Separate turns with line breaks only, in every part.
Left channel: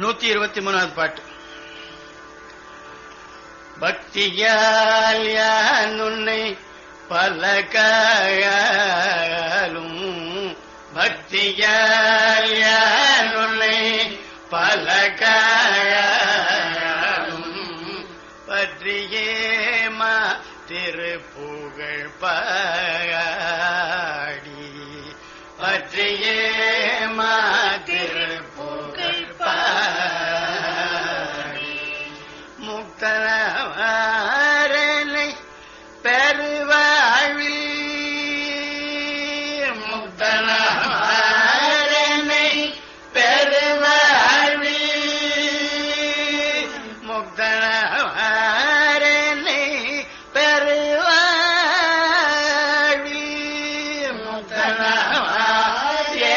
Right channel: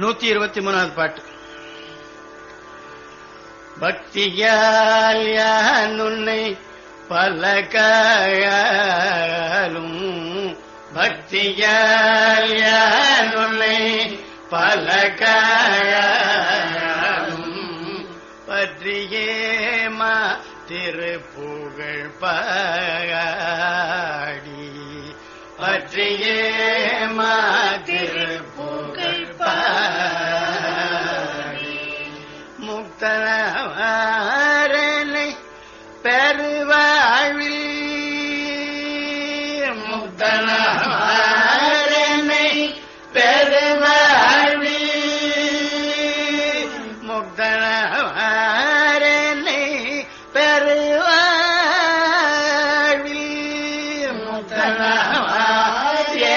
நூத்தி இருபத்தி மூணாவது பாட்டு. பக்தியால் யான் உன்னை பல காலும் பக்தியால் யான் உன்னை பல பற்றியே மா திருப்புகழ் பாடி. பற்றியே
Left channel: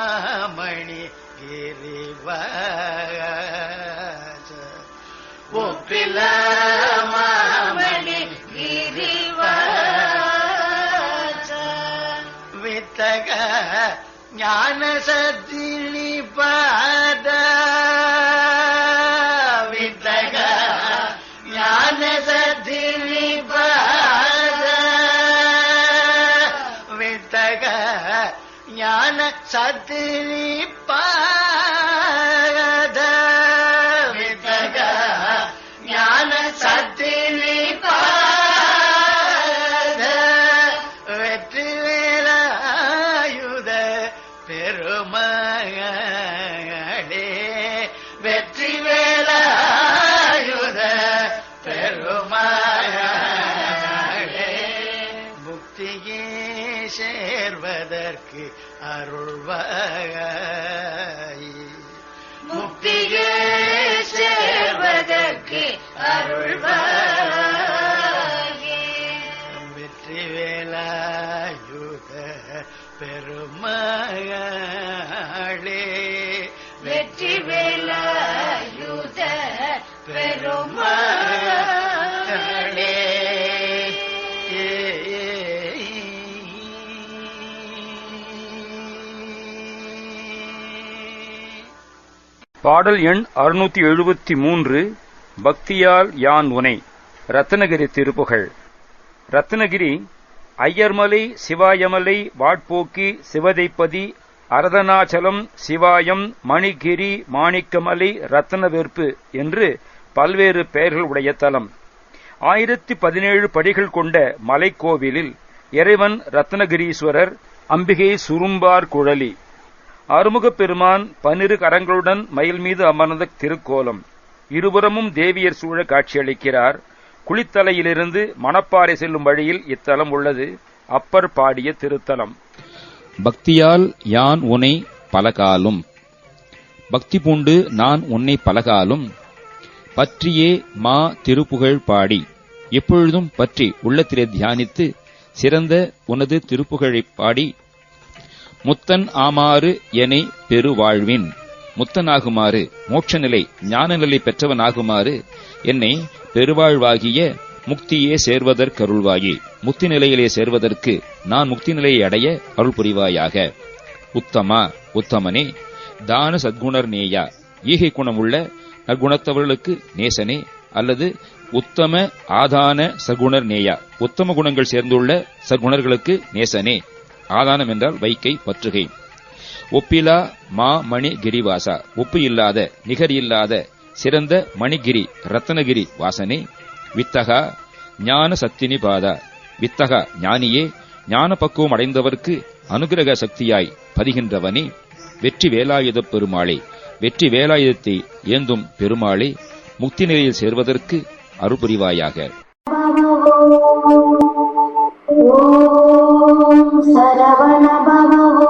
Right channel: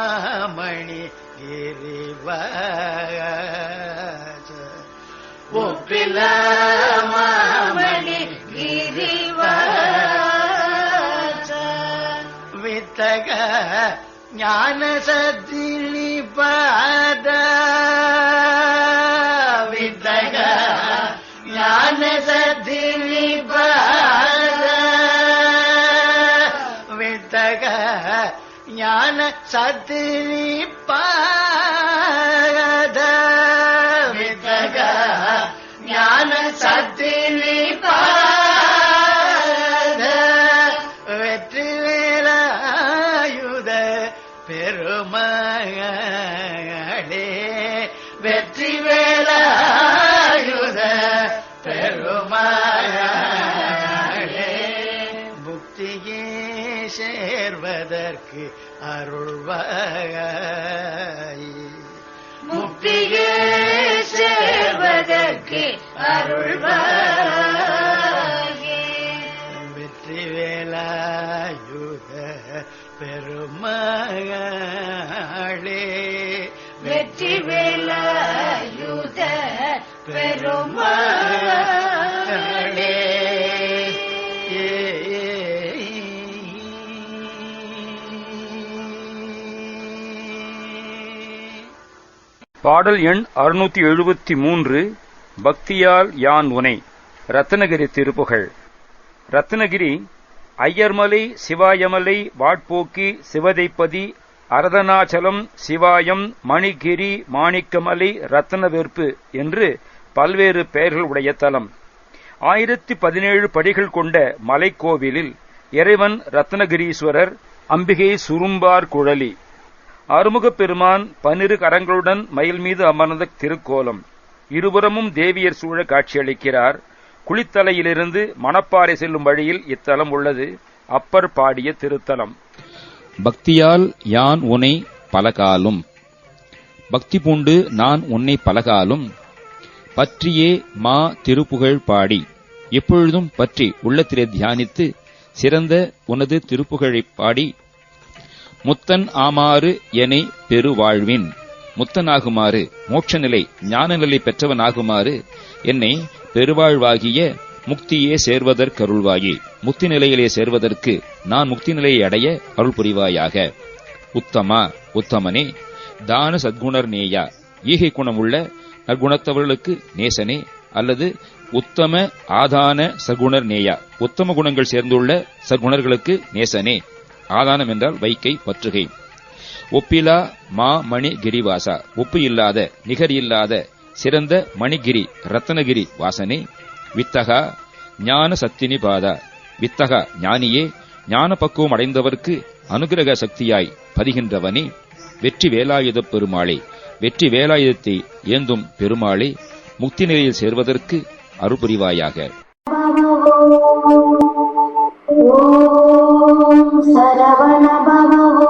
ஒப்பிலாமணி கிரிவாச ஒப்பிலாமணி கிரிவாச வித்தக ஞான சத்தினி பாத வித்தக ஞான சத்தினி ஞான சத்தினி பாத வித்தக ஞான சத்தினி பாத வெற்றி வேலாயுத பெருமகளே. வெற்றி வேலாயுத பெருமகளே. முக்தியே சேர்வதற்கு அருள்வாய். முக்தியே சேர்வதற்கு அருள்வாயே. வெற்றி வேலாயுத பெருமகளே. வெற்றி வேலாயுத பெருமகளே
பாடல் எண் அறுநூத்தி எழுபத்தி மூன்று பக்தியால் யான் உனை? ரத்னகிரி திருப்புகழ். ரத்னகிரி ஐயர்மலை சிவாயமலை வாட்போக்கி சிவதைப்பதி அரதனாச்சலம் சிவாயம் மணிகிரி மாணிக்கமலை ரத்னவெற்பு என்று பல்வேறு பெயர்கள் உடைய தலம். ஆயிரத்தி பதினேழு படிகள் கொண்ட மலைக்கோவிலில் இறைவன் ரத்னகிரீஸ்வரர் அம்பிகை சுரும்பார் குழலி. அருமுகப் பெருமான் பன்னிரு கரங்களுடன் மயில் மீது அமர்ந்த திருக்கோலம். இருபுறமும் தேவியர் சூழ காட்சியளிக்கிறார். குளித்தலையிலிருந்து மணப்பாறை செல்லும் வழியில் இத்தலம் உள்ளது. அப்பர் பாடிய திருத்தலம்.
பக்தியால் யான் உனை பலகாலும். பக்தி பூண்டு நான் உன்னை பலகாலும். பற்றியே மா திருப்புகழ் பாடி. எப்பொழுதும் பற்றி உள்ளத்திலே தியானித்து சிறந்த உனது திருப்புகழைப் பாடி முத்தன் ஆமாறு எனை பெருவாழ்வின். முத்தனாகுமாறு மோட்சநிலை ஞானநிலை பெற்றவனாகுமாறு என்னை பெருவாழ்வாகிய முக்தியே சேர்வதற்கருள்வாயே. முக்தி நிலையிலே சேர்வதற்கு நான் முக்தி நிலையை அடைய அருள் புரிவாயாக உத்தமா உத்தமனே தான சத்குணர் நேயா. ஈகை குணமுள்ள நற்குணத்தவர்களுக்கு நேசனே அல்லது உத்தம ஆதான சகுணர் நேயா. உத்தம குணங்கள் சேர்ந்துள்ள சகுணர்களுக்கு நேசனே. ஆதானம் என்றால் வைக்கை பற்றுகை. ஒப்பிலா மா மணி கிரிவாசா ஒப்பு இல்லாத நிகர் இல்லாத சிறந்த மணிகிரி ரத்னகிரி வாசனை. வித்தகா ஞான சத்தினி பாதா. வித்தகா ஞானியே ஞான பக்குவம் அடைந்தவர்க்கு அனுகிரக சக்தியாய் பதிகின்றவனே. வெற்றி வேலாயுதப் பெருமாளே வெற்றி வேலாயுதத்தை ஏந்தும் பெருமாளே முக்தி நிலையில் சேர்வதற்கு
அருபுரிவாயாக. ஓ சரவண பவ